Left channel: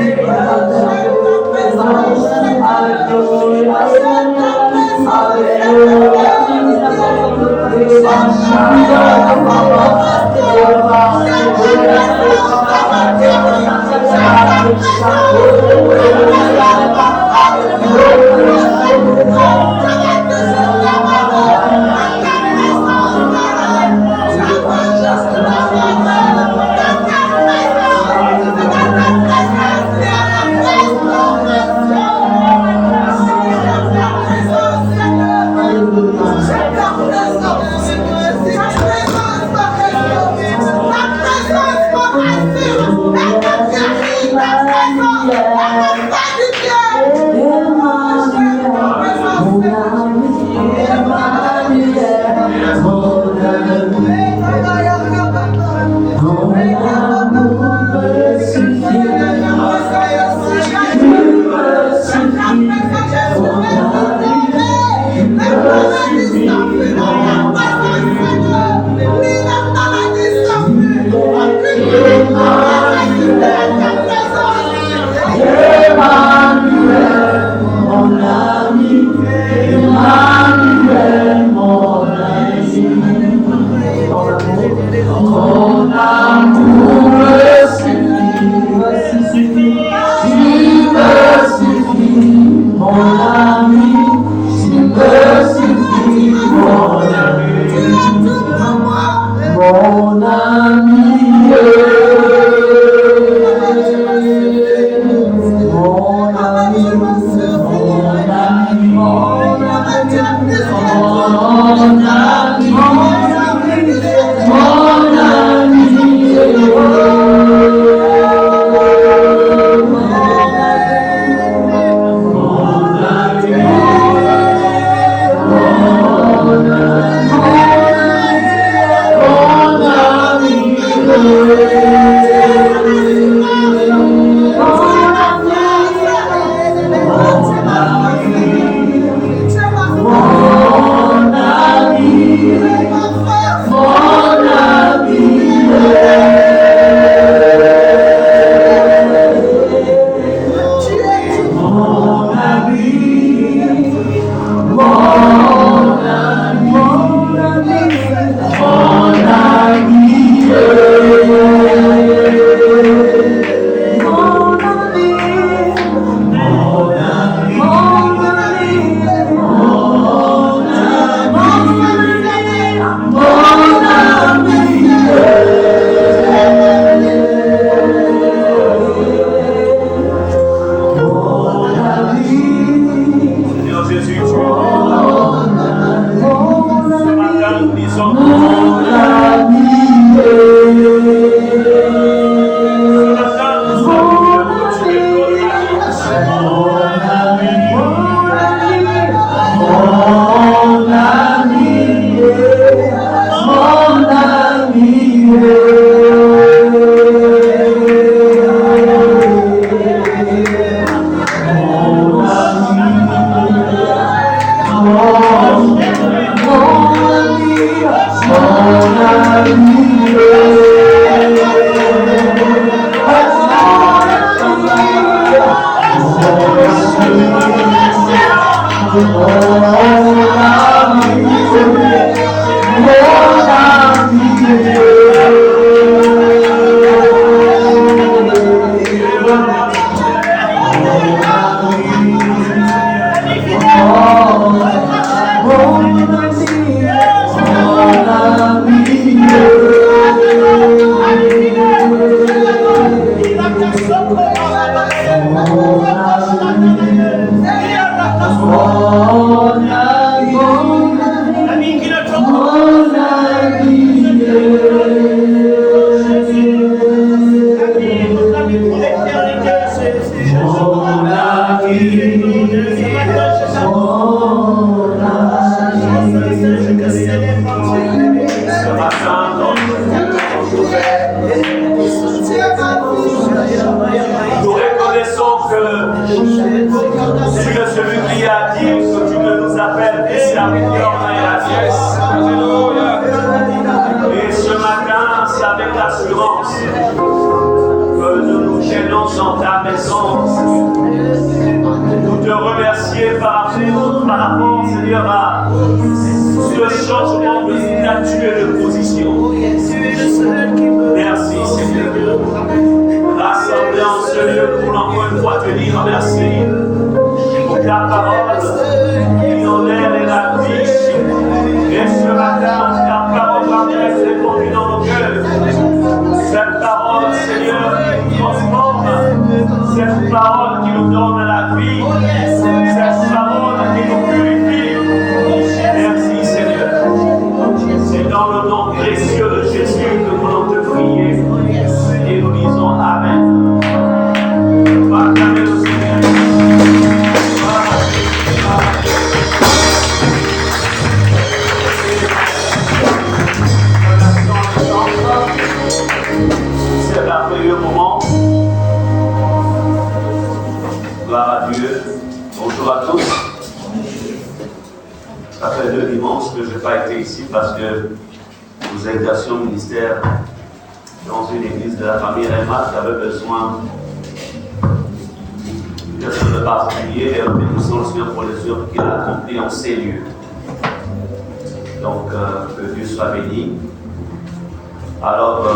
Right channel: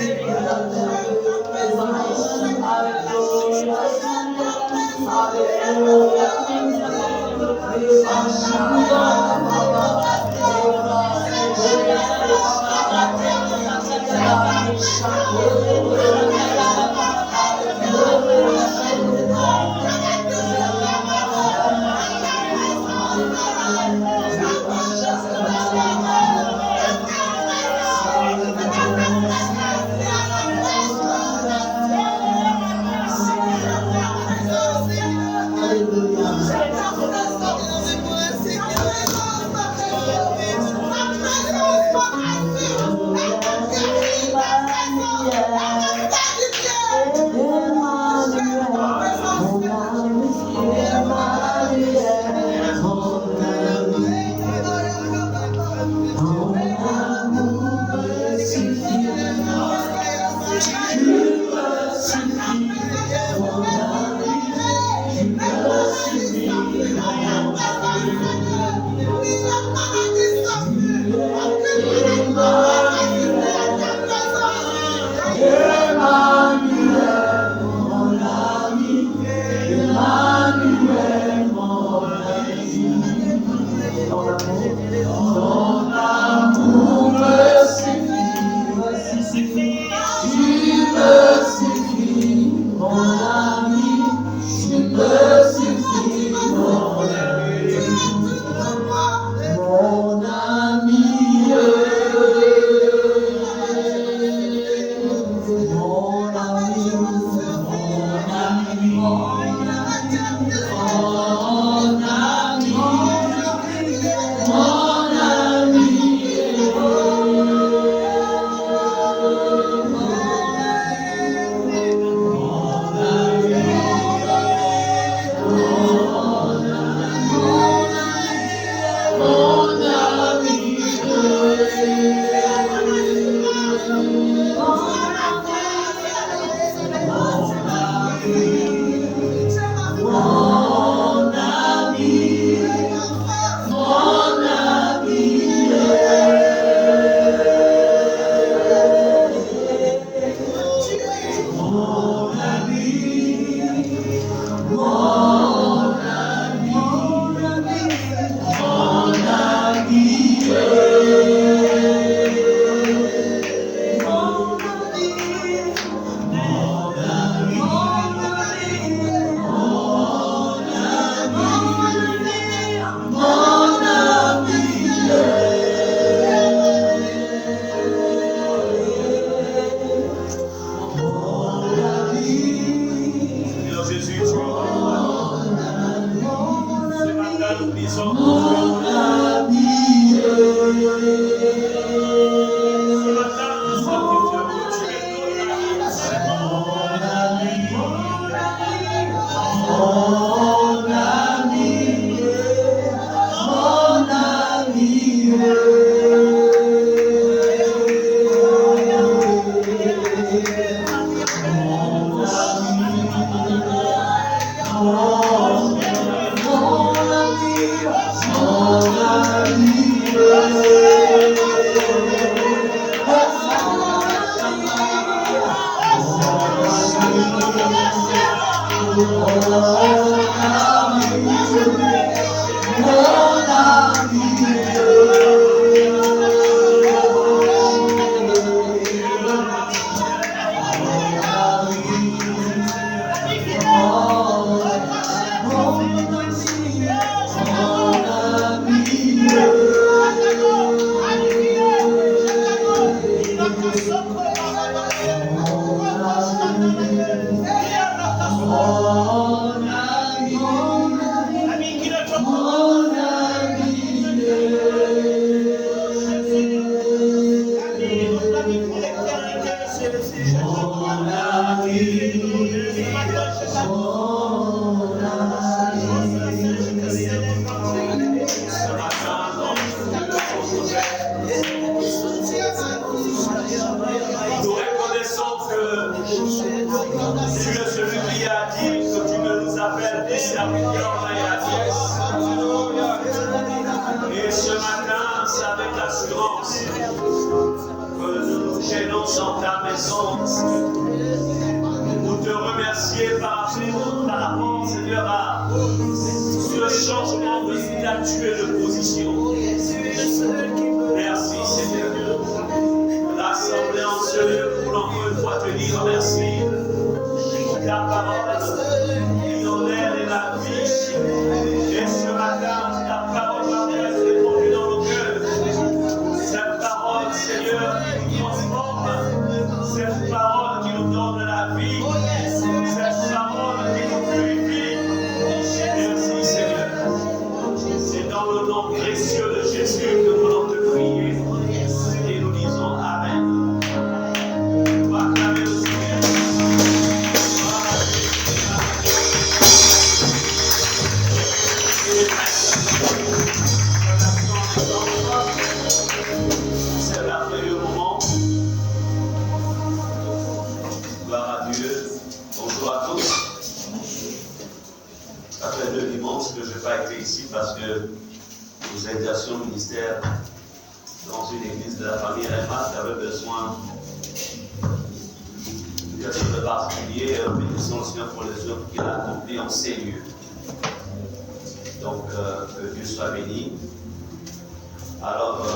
Emmanuel, ta maison, pour te remercier par rapport, Seigneur, à ce changement de statut et de position. Merci, Seigneur. Rassemblés en ce lieu pour encore une fois te dire merci pour ta parole qui honneur et la vie. Et ce matin, ta parole va être répandue dans nos cœurs. Cette parole, Seigneur, qui nous transforme. Cette parole qui nous donne la vie. Cette parole qui nous purifie. Merci, Seigneur. C'est dans le nom précieux de Jésus que nous voulons te prier. Et nous disons Amen. Acclamez le Seigneur. C'est un merveilleux moment. Gloire à Dieu. Bonjour à tous. Ça fait 2 dimanches que je n'ai pas été ici parce que nous exercions le ministère dans une église de la famille Remat qui avait besoin de quelque chose de particulier et bénissons le Seigneur pour les œuvres qu'il a accomplies en ces lieux. Donc, que Dieu soit béni. Alors,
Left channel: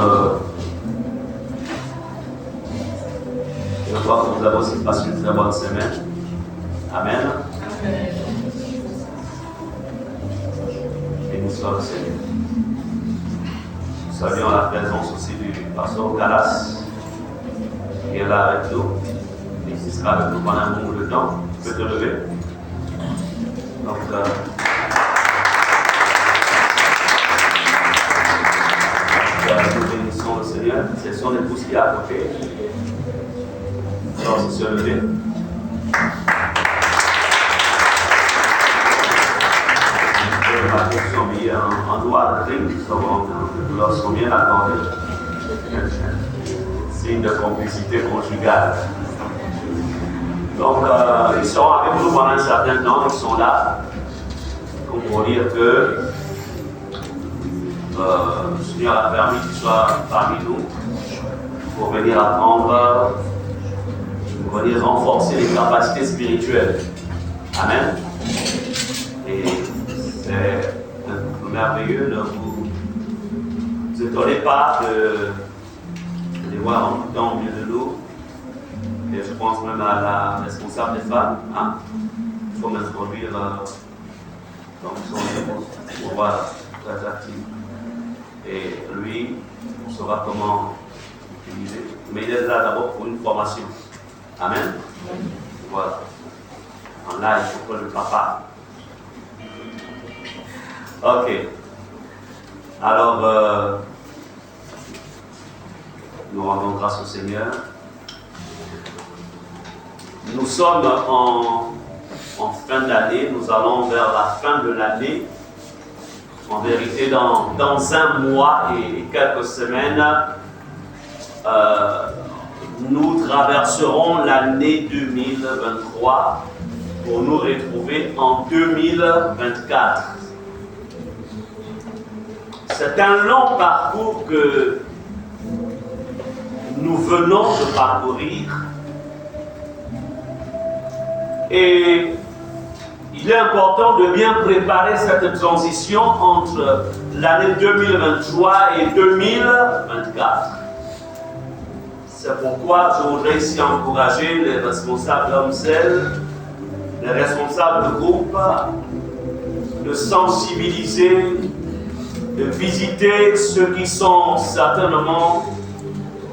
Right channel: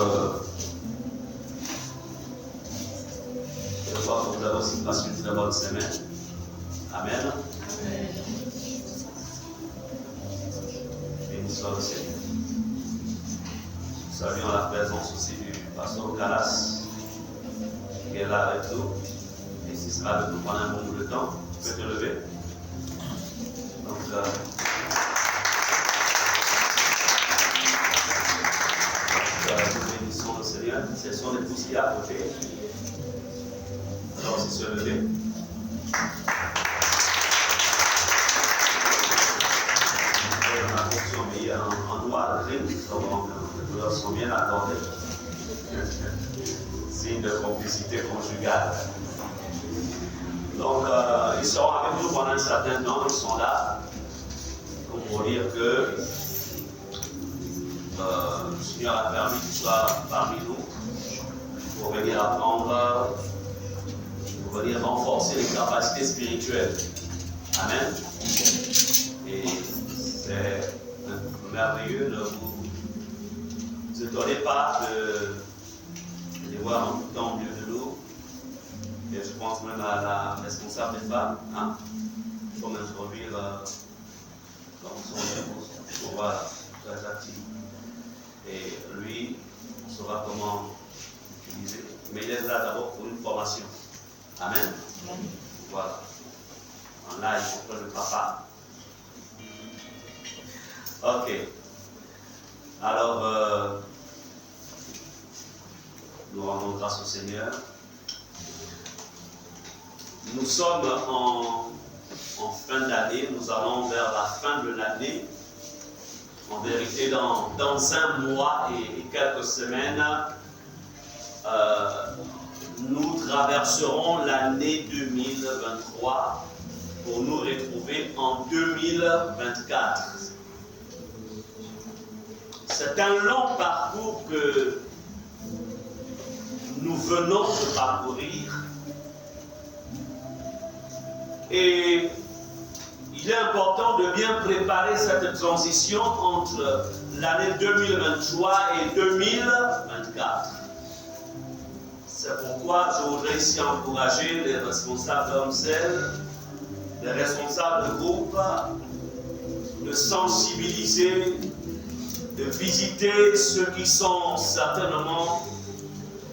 je crois que vous avez aussi passé une très bonne semaine. Amen. Amen. Béni soit le Seigneur. Nous saluons la présence aussi du pasteur Calas, qui est là avec nous. Et qui sera avec nous pendant un moment de temps. Tu peux te lever. Donc, nous bénissons le Seigneur. C'est son épouse qui est à côté. Alors, c'est se lever. Les marques sont mis en noir gris, nous leur sont bien accordés. Signe de complicité conjugale. Donc, ils seront avec nous pendant un certain temps, ils sont là. Pour dire que le Seigneur a permis qu'ils soient parmi nous pour venir apprendre, pour venir renforcer les capacités spirituelles. Amen. Et c'est merveilleux de vous étonner pas de les voir en tout temps au milieu de nous. Et je pense même à la responsable des femmes. Hein? Il faut m'introduire dans son épouse pour voir très active. Et lui, on saura comment l'utiliser. Mais il est là d'abord pour une formation. Amen. Voilà. En live pour le papa. Ok. Alors, nous rendons grâce au Seigneur. Nous sommes en fin d'année, nous allons vers la fin de l'année. En vérité, dans un mois et quelques semaines, nous traverserons l'année 2023 pour nous retrouver en 2024. C'est un long parcours que nous venons de parcourir. Et il est important de bien préparer cette transition entre l'année 2023 et 2024. C'est pourquoi je voudrais ici encourager les responsables d'Omsel, les responsables de groupe, de sensibiliser, de visiter ceux qui sont certainement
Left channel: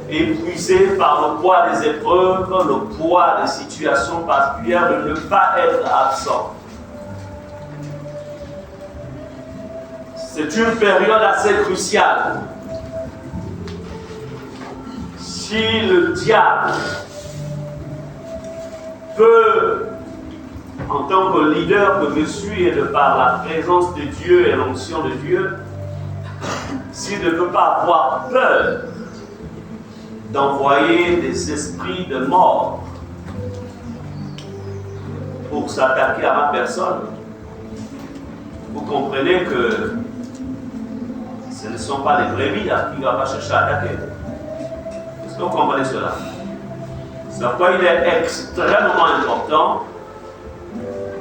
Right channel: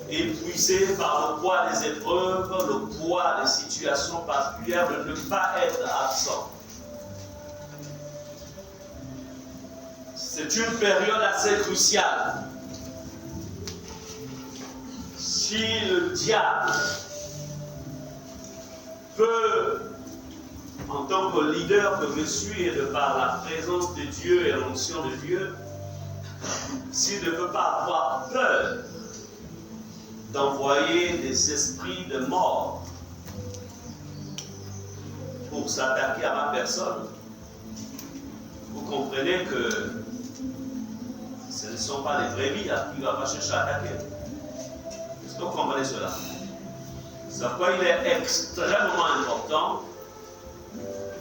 épuisés par le poids des épreuves, le poids des situations particulières, de ne pas être absent. C'est une période assez cruciale. Si le diable peut, en tant que leader que je suis et de par la présence de Dieu et l'onction de Dieu, s'il ne peut pas avoir peur d'envoyer des esprits de mort pour s'attaquer à ma personne, vous comprenez que ce ne sont pas les brebis à qui il va chercher à attaquer. Est-ce que vous comprenez cela? C'est pourquoi il est extrêmement important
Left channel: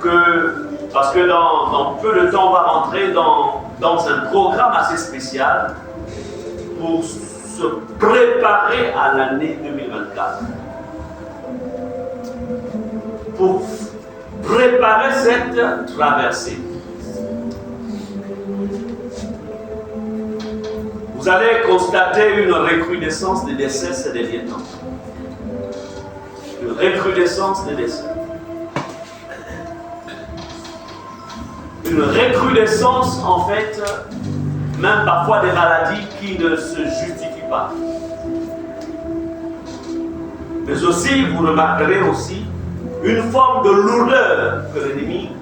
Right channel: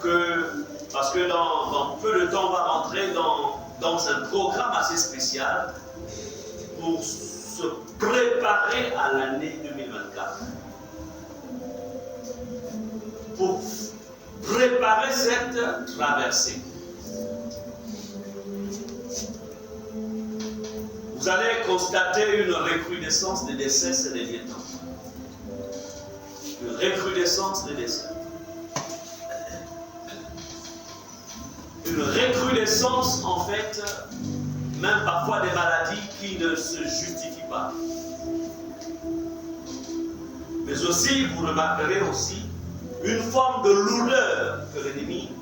que, parce que dans peu de temps, on va rentrer dans un programme assez spécial pour se préparer à l'année 2024. Pour préparer cette traversée. Vous allez constater une recrudescence des décès ces derniers temps. Une recrudescence des décès. Une recrudescence, en fait, même parfois des maladies qui ne se justifient pas. Mais aussi, vous remarquerez aussi, une forme de lourdeur que l'ennemi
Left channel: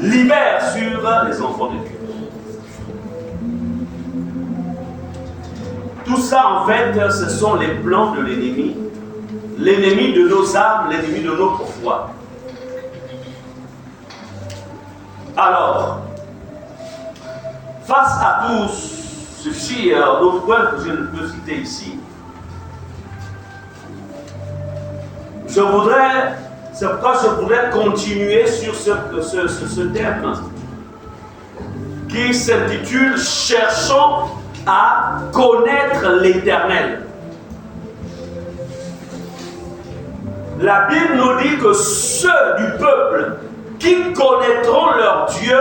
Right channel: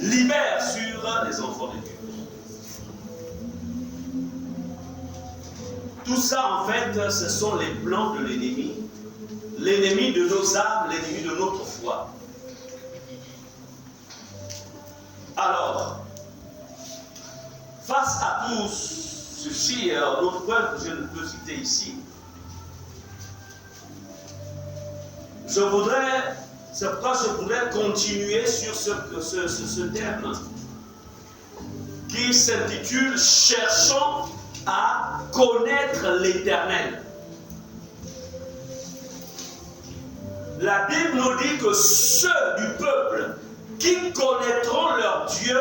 libère sur les enfants de Dieu. Tout ça, en fait, ce sont les plans de l'ennemi de nos âmes, l'ennemi de notre foi. Alors, face à tout ceci, d'autres points que je ne peux citer ici, c'est pourquoi je voudrais continuer sur ce thème qui s'intitule « Cherchons à connaître l'Éternel ». La Bible nous dit que ceux du peuple qui connaîtront leur Dieu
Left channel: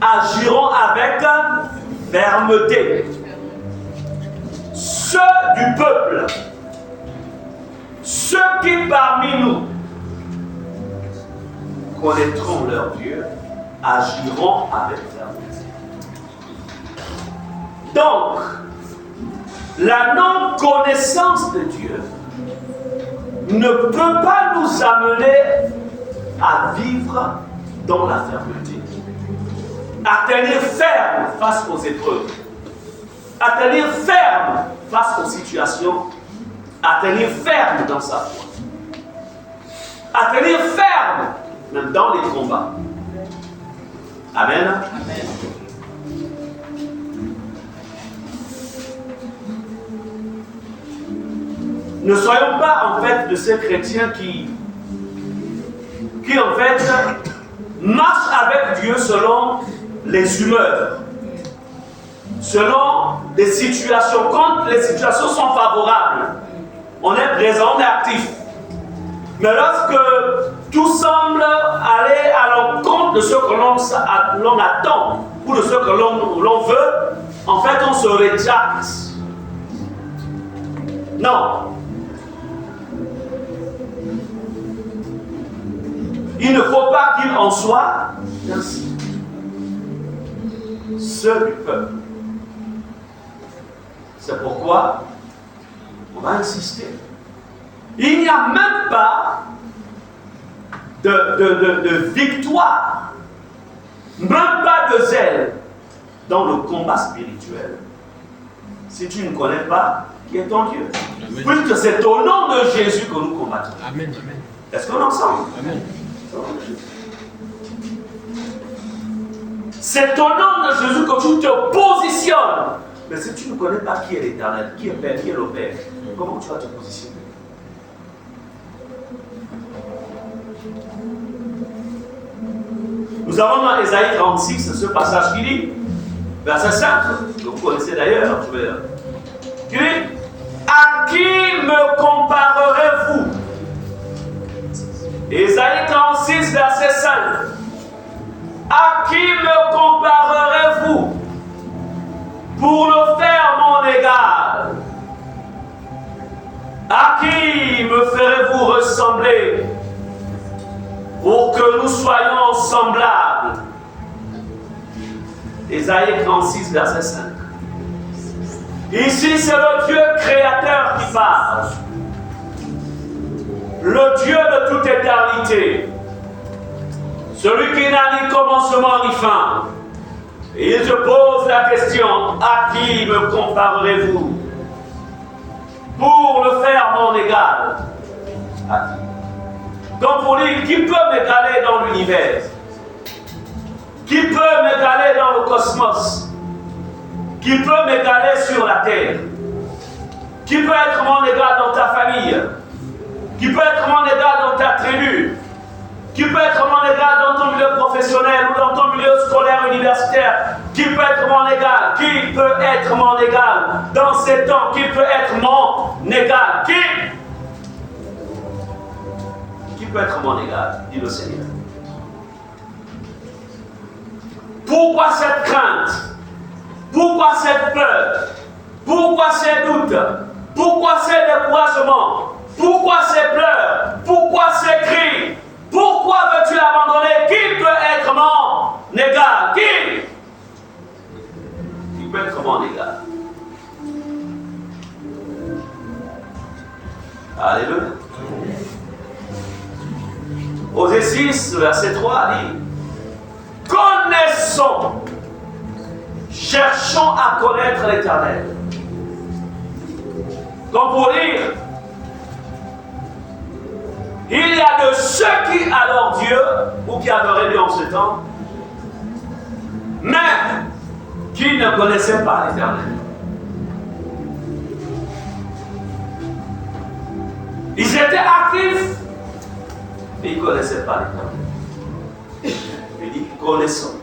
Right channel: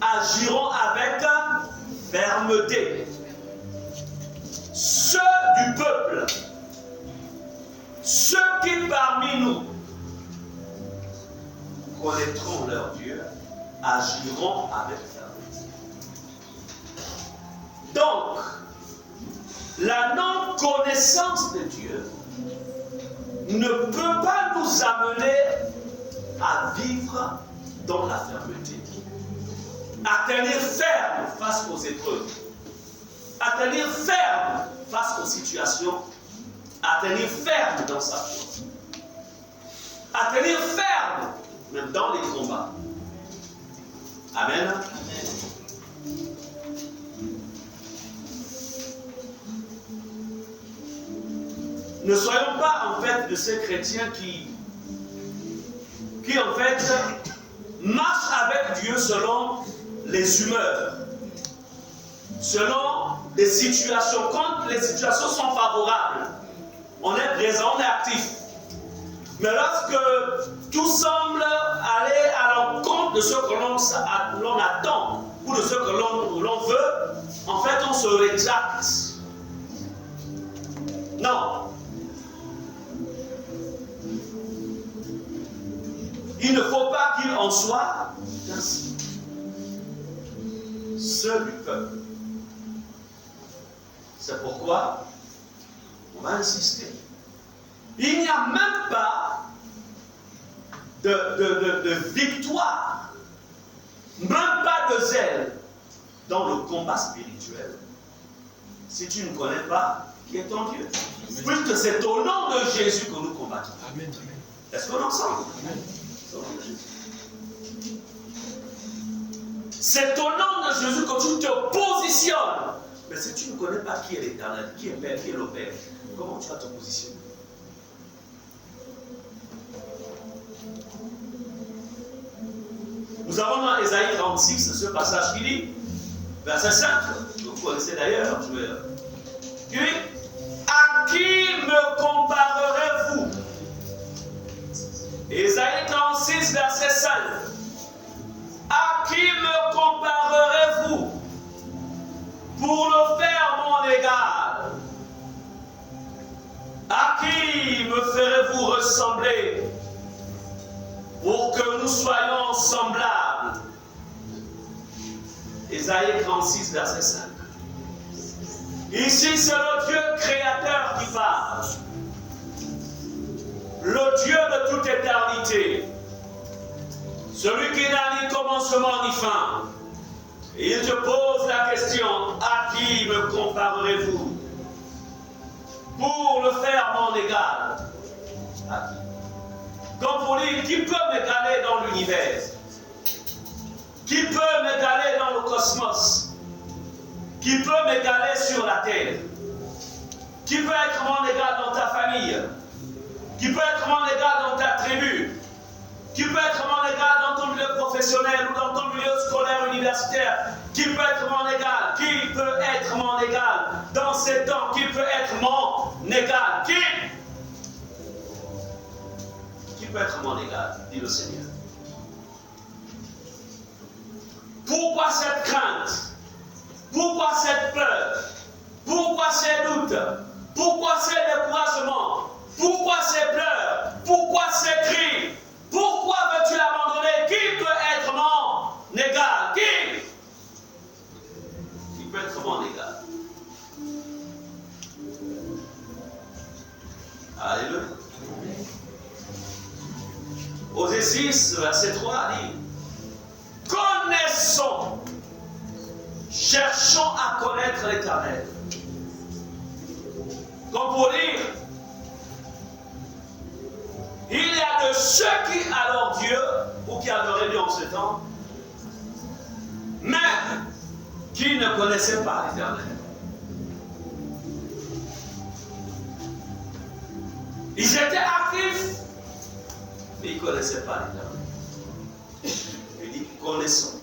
agiront avec fermeté. Ceux du peuple, ceux qui parmi nous connaîtront leur Dieu, agiront avec fermeté. Donc, la non-connaissance de Dieu ne peut pas nous amener à vivre dans la fermeté, à tenir ferme face aux épreuves, à tenir ferme face aux situations, à tenir ferme dans sa foi, à tenir ferme même dans les combats. Amen. Amen. Ne soyons pas en fait de ces chrétiens qui en fait marchent avec Dieu selon les humeurs, selon les situations. Quand les situations sont favorables, on est présent, on est actif. Mais lorsque tout semble aller à l'encontre de ce que l'on attend ou de ce que l'on veut, en fait on se rétracte. Non. Il ne faut pas qu'il en soit ainsi. Seul du peuple. C'est pourquoi on va insister. Il n'y a même pas de victoire, même pas de zèle dans le combat spirituel si tu ne connais pas qui est ton Dieu. Puisque c'est au nom de Jésus que nous combattons. Amen. Amen. Est-ce qu'on est ensemble? Amen. C'est au nom de Jésus que tu te positionnes. Mais si tu ne connais pas qui est l'Éternel, qui est Père, qui est le Père, comment tu vas te positionner? Nous avons dans Ésaïe 36 ce passage qui dit, verset 5, que vous connaissez d'ailleurs, qui dit, à qui me comparerez-vous? Ésaïe 36, verset 5. À qui me comparerez-vous pour le faire mon égal? À qui me ferez-vous ressembler pour que nous soyons semblables? Ésaïe 36, verset 5. Ici, c'est le Dieu créateur qui parle. Le Dieu de toute éternité. Celui qui n'a ni commencement ni fin. Et il te pose la question, à qui me comparerez-vous pour le faire mon égal? À qui? Donc pour lui, qui peut m'égaler dans l'univers? Qui peut m'égaler dans le cosmos? Qui peut m'égaler sur la terre? Qui peut être mon égal dans ta famille? qui peut être mon égal dans ta tribu, qui peut être mon égal dans ton milieu professionnel ou dans ton milieu scolaire universitaire, qui peut être mon égal, qui peut être mon égal dans ces temps, qui peut être mon égal, qui peut être mon égal, dit le Seigneur. Pourquoi cette crainte? Pourquoi cette peur? Pourquoi ces doutes? Pourquoi ces découragements? Pourquoi ces pleurs? Pourquoi ces cris? Pourquoi veux-tu l'abandonner? Qui peut être mon égal? Qui peut être mon égal? Alléluia. Osée 6, verset 3 dit: connaissons, cherchons à connaître l'Éternel. Comme pour dire, il y a de ceux qui adorent Dieu, ou qui adoraient Dieu en ce temps, mais qui ne connaissaient pas l'Éternel. Ils étaient actifs, mais ils ne connaissaient pas l'Éternel. Il dit, connaissons.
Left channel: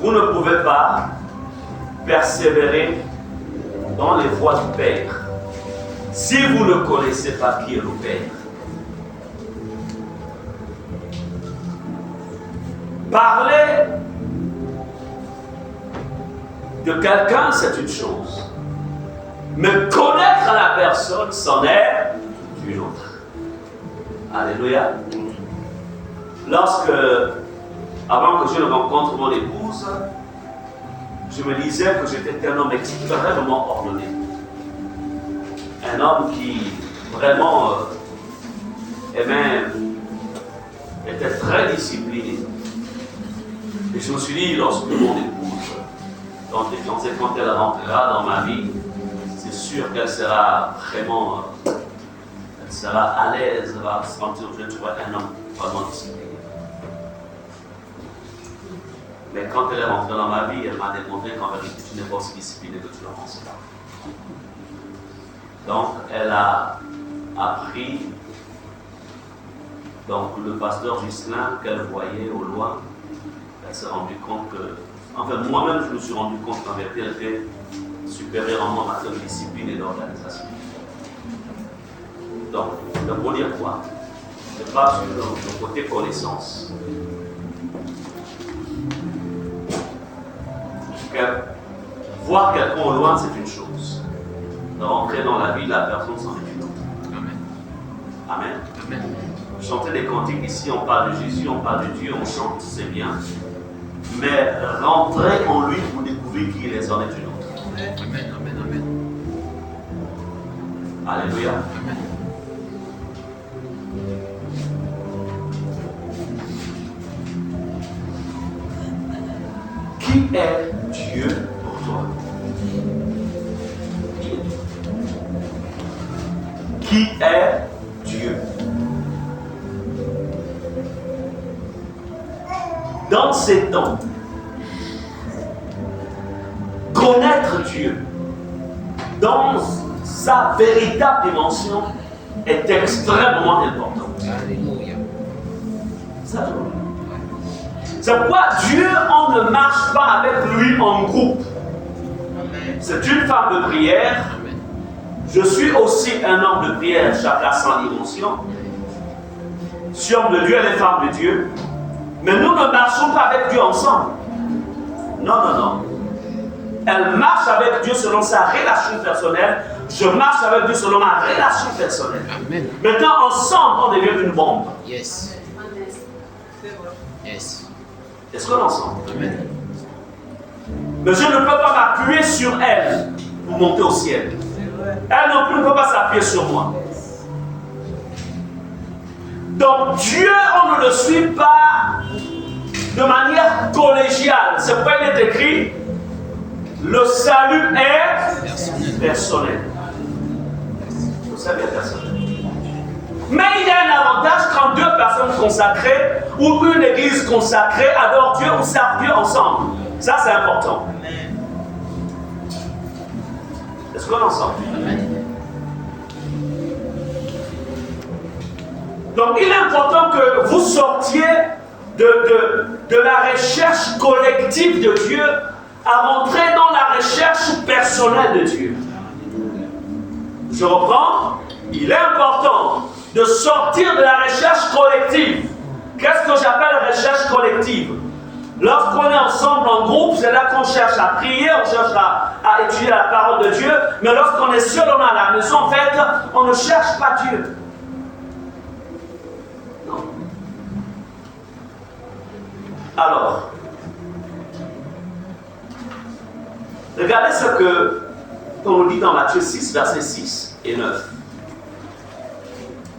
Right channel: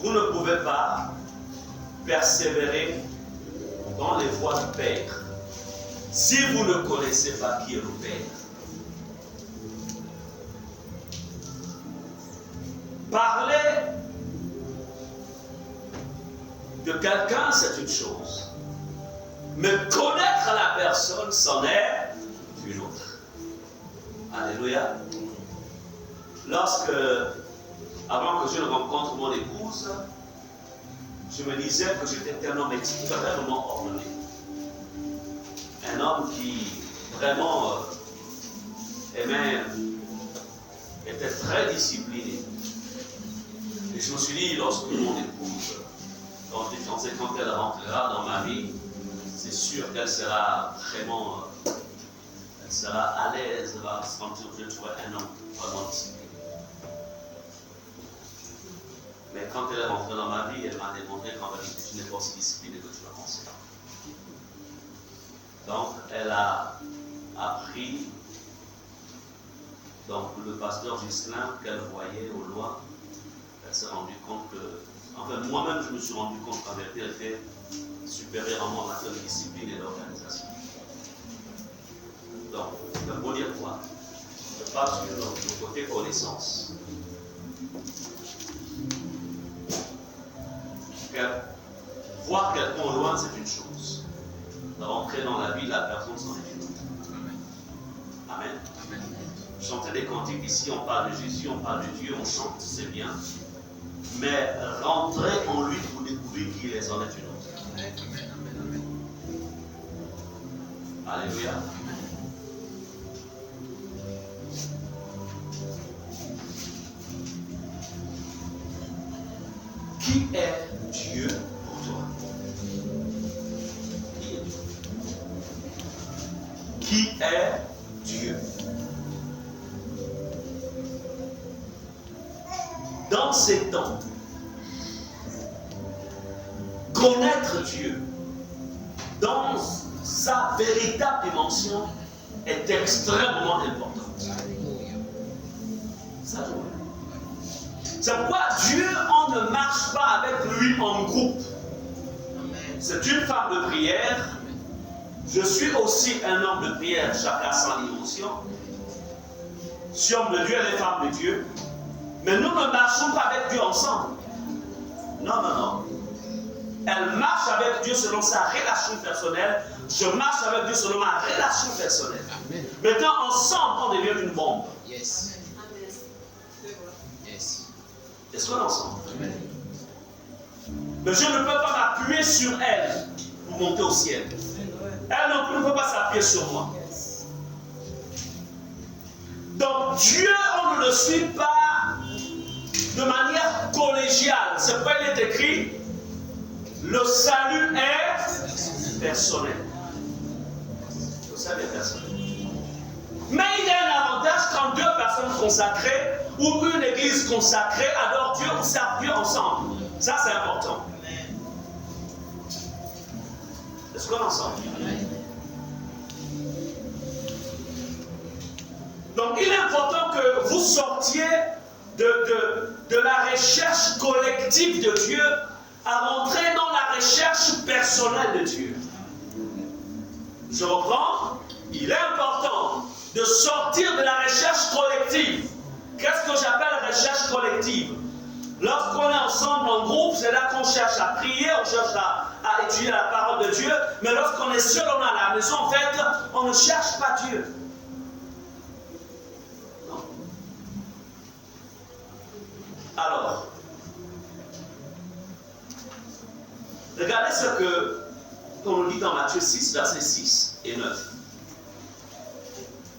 Vous ne pouvez pas persévérer dans les voies du Père si vous ne connaissez pas qui est le Père. Parler de quelqu'un, c'est une chose. Mais connaître la personne, c'en est une autre. Alléluia. Avant que je ne rencontre mon épouse, je me disais que j'étais un homme extrêmement ordonné. Un homme qui vraiment était très discipliné. Et je me suis dit, lorsque mon épouse, quand elle rentrera dans ma vie, c'est sûr qu'elle sera vraiment, elle sera à l'aise, elle va se sentir que je trouve un homme vraiment discipliné. Mais quand elle est rentrée dans ma vie, elle m'a démontré qu'en vérité, tu n'es pas aussi discipliné que tu le pensais. Donc, elle a appris, donc le pasteur Ghislain qu'elle voyait au loin, elle s'est rendue compte que, enfin moi-même je me suis rendu compte qu'en vérité elle était supérieure en matière de discipline et d'organisation. Donc, pour dire quoi? Je passe sur le côté connaissance. Voir quelqu'un au loin, c'est une chose. Rentrer dans la vie de la personne, c'en est une autre. Amen. Amen. Amen. Chanter des cantiques ici, on parle de Jésus, on parle de Dieu, on chante, c'est bien. Mais rentrer en lui pour découvrir qui il est, c'en est une autre. Amen. Amen. Amen. Alléluia. Amen. Qui est Dieu pour toi? Qui est Dieu? Dans ces temps, connaître Dieu dans sa véritable dimension est extrêmement important. Alléluia. C'est pourquoi Dieu, on ne marche pas avec lui en groupe. C'est une femme de prière. Je suis aussi un homme de prière, chacun sans dimension. Je suis homme de Dieu, elle est femme de Dieu. Mais nous ne marchons pas avec Dieu ensemble. Non, non, non. Elle marche avec Dieu selon sa relation personnelle. Je marche avec Dieu selon ma relation personnelle. Amen. Maintenant, ensemble, on devient une bombe. Yes. Yes. Est-ce qu'on est ensemble? Amen. Mais je ne peux pas m'appuyer sur elle pour monter au ciel. Elle non plus ne peut pas s'appuyer sur moi. Donc Dieu, on ne le suit pas de manière collégiale. C'est pourquoi il est écrit, le salut est personnel. Le salut est personnel. Mais il y a un avantage quand deux personnes consacrées ou une église consacrée adorent Dieu ou servent Dieu ensemble. Ça, c'est important. Est-ce qu'on est ensemble? Donc il est important que vous sortiez de la recherche collective de Dieu à rentrer dans la recherche personnelle de Dieu. Je reprends. Il est important de sortir de la recherche collective. Qu'est-ce que j'appelle recherche collective? Lorsqu'on est ensemble en groupe, c'est là qu'on cherche à prier, on cherche à étudier la parole de Dieu. Mais lorsqu'on est seul, on est à la maison, en fait, on ne cherche pas Dieu. Non. Alors, regardez ce que on lit dans Matthieu 6, versets 6 et 9.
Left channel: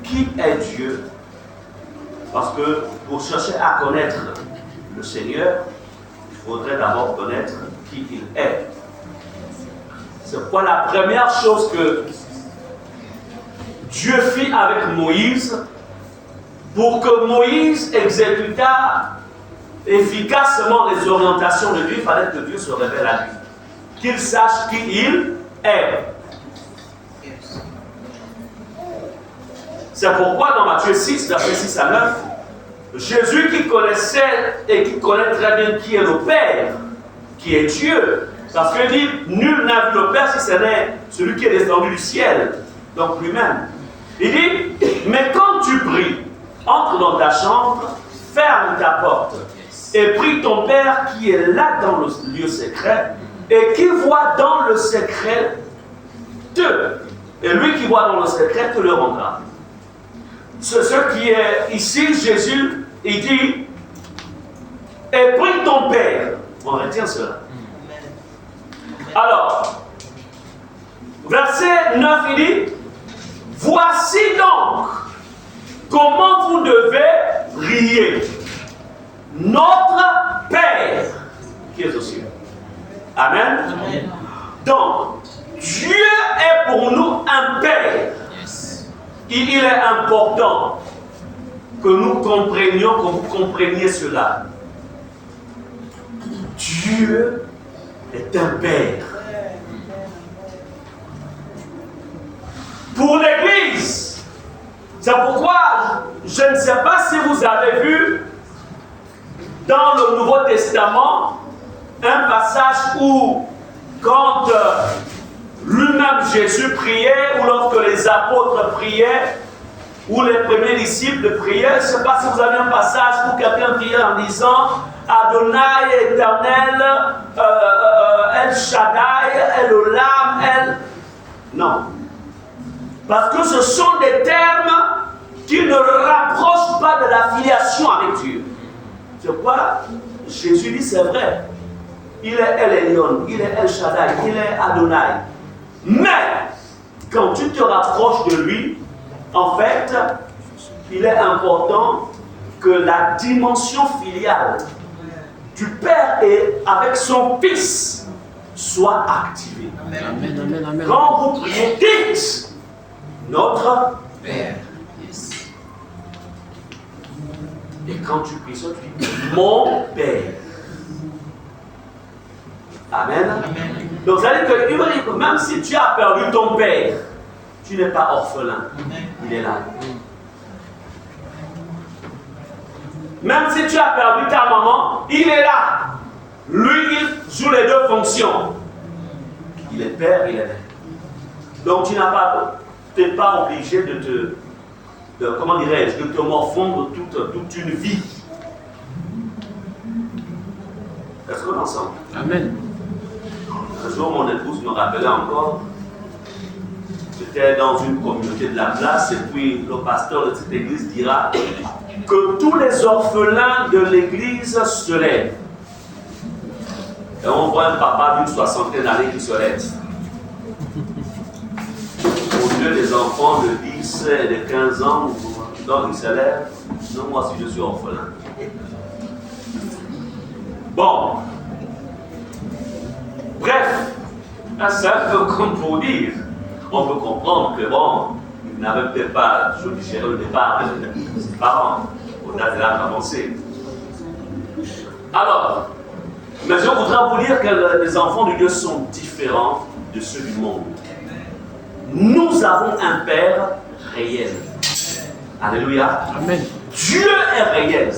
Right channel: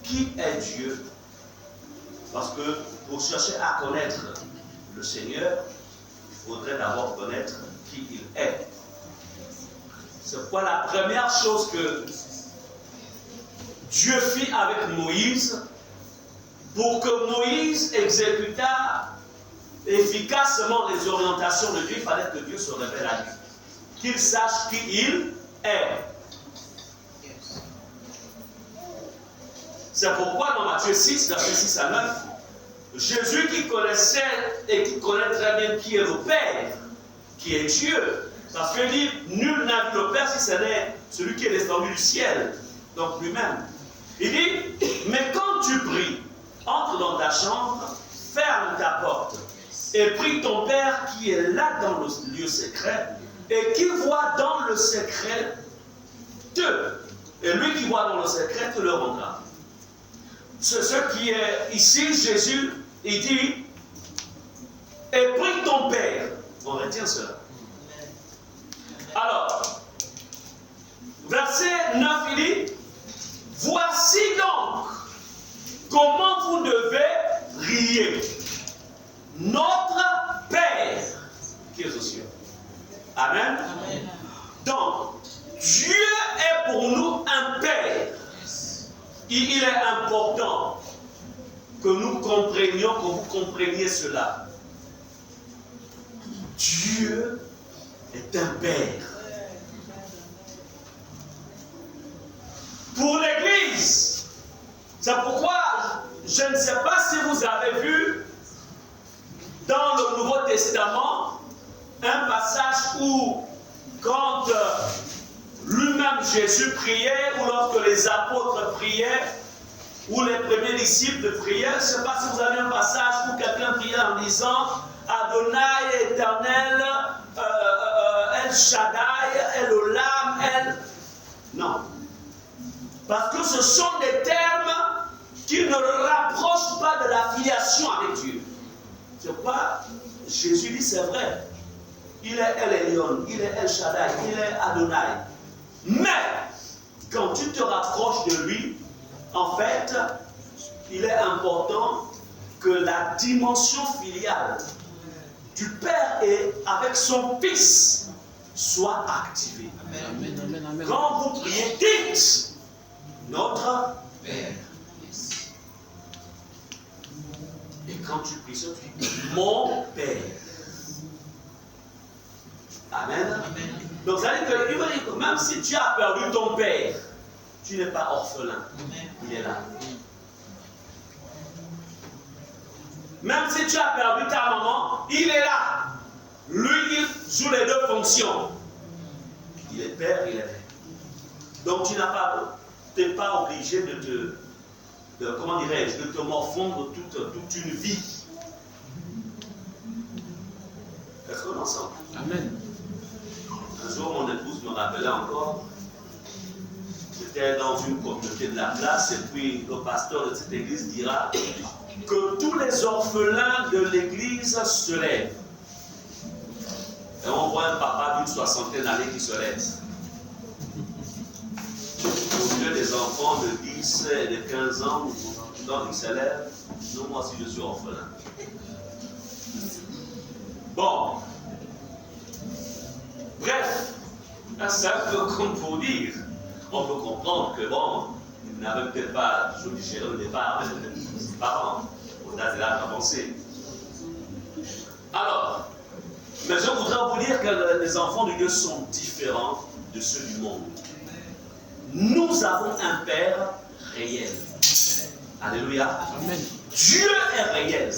Qui est Dieu? Parce que pour chercher à connaître le Seigneur, il faudrait d'abord connaître qui il est. C'est quoi la première chose que Dieu fit avec Moïse pour que Moïse exécutât efficacement les orientations de Dieu? Il fallait que Dieu se révèle à lui, qu'il sache qui il est. C'est pourquoi dans Matthieu 6, versets 6 à 9, Jésus qui connaissait et qui connaît très bien qui est le Père, qui est Dieu, parce qu'il dit, nul n'a vu le Père si ce n'est celui qui est descendu du ciel, donc lui-même. Il dit, mais quand tu pries, entre dans ta chambre, ferme ta porte, et prie ton Père qui est là dans le lieu secret, et qui voit dans le secret et lui qui voit dans le secret te le rendra. Ce qui est ici, Jésus, il dit, et prie ton Père. On retient cela. Alors, verset 9, il dit, voici donc comment vous devez prier. Notre Père qui est aux cieux. Amen. Amen. Donc, Dieu est pour nous un Père. Il est important que nous comprenions, que vous compreniez cela. Dieu est un Père. Pour l'Église, c'est pourquoi je ne sais pas si vous avez vu dans le Nouveau Testament un passage où, quand lui-même Jésus priait, ou lorsque les apôtres priaient, ou les premiers disciples priaient, je ne sais pas si vous avez un passage où quelqu'un priait en disant Adonai éternel, El Shaddai, El Olam, El. Non. Parce que ce sont des termes qui ne rapprochent pas de la filiation avec Dieu. C'est quoi Jésus dit, c'est vrai. Il est El Elyon, il est El Shaddai, il est Adonai. Mais, quand tu te rapproches de lui, en fait, il est important que la dimension filiale du Père et avec son Fils soit activée. Amen. Amen, amen, amen. Quand vous priez, dites notre Père. Et quand tu pries ça, tu dis mon Père. Amen. Amen. Donc, ça veut dire que même si tu as perdu ton Père, tu n'es pas orphelin. Amen. Il est là. Même si tu as perdu ta maman, il est là. Lui, il joue les deux fonctions. Il est Père, il est Père. Donc, tu n'es pas obligé de te morfondre toute une vie. Est-ce qu'on est ensemble? Amen. Un jour, mon épouse me rappelait encore, j'étais dans une communauté de la place, et puis le pasteur de cette église dira que tous les orphelins de l'église se lèvent. Et on voit un papa d'une 60aine d'années qui se lève. Au lieu des enfants de 10 et de 15 ans, donc ils se lèvent. Non, moi aussi je suis orphelin. Bon. Bref, c'est un peu comme pour dire, on peut comprendre que bon, il n'avait peut-être pas toujours digéré le départ de ses parents, au-delà de l'âge avancé. Alors, mais je voudrais vous dire que les enfants de Dieu sont différents de ceux du monde. nous avons un Père réel. Alléluia. Amen. Dieu est réel.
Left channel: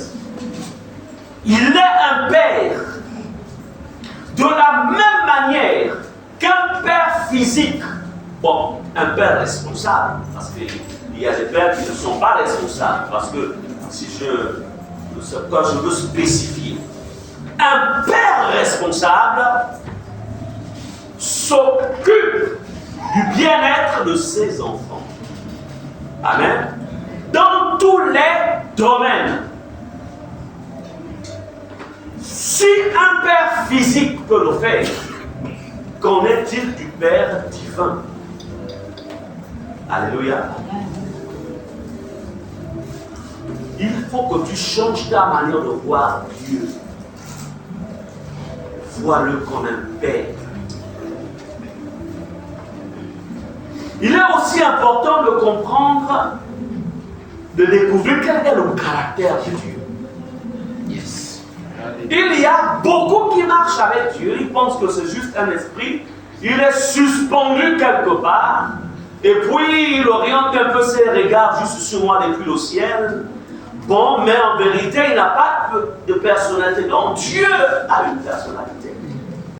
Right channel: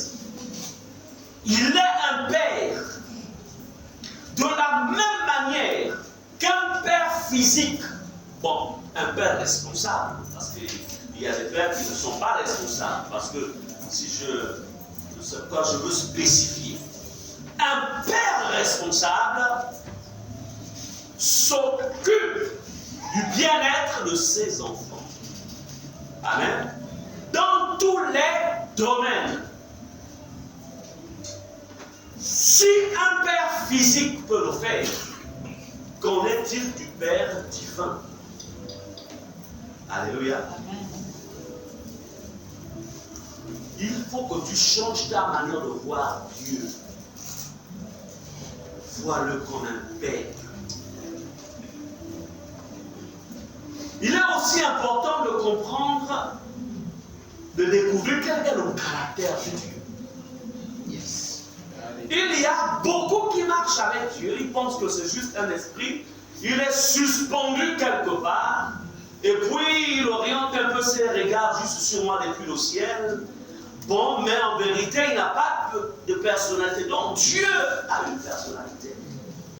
Il est un Père. De la même manière qu'un Père physique, bon, un Père responsable, parce qu'il y a des pères qui ne sont pas responsables, parce que quand je veux spécifier, un Père responsable s'occupe du bien-être de ses enfants. Amen. Dans tous les domaines. Si un Père physique peut le faire, qu'en est-il du Père divin? Alléluia. Il faut que tu changes ta manière de voir Dieu. Vois-le comme un Père. Il est aussi important de comprendre, de découvrir quel est le caractère de Dieu. Yes. Il y a beaucoup qui marchent avec Dieu, ils pensent que c'est juste un esprit, il est suspendu quelque part, et puis il oriente un peu ses regards juste sur moi depuis le ciel. Bon, mais en vérité, il n'a pas de personnalité. Donc Dieu a une personnalité.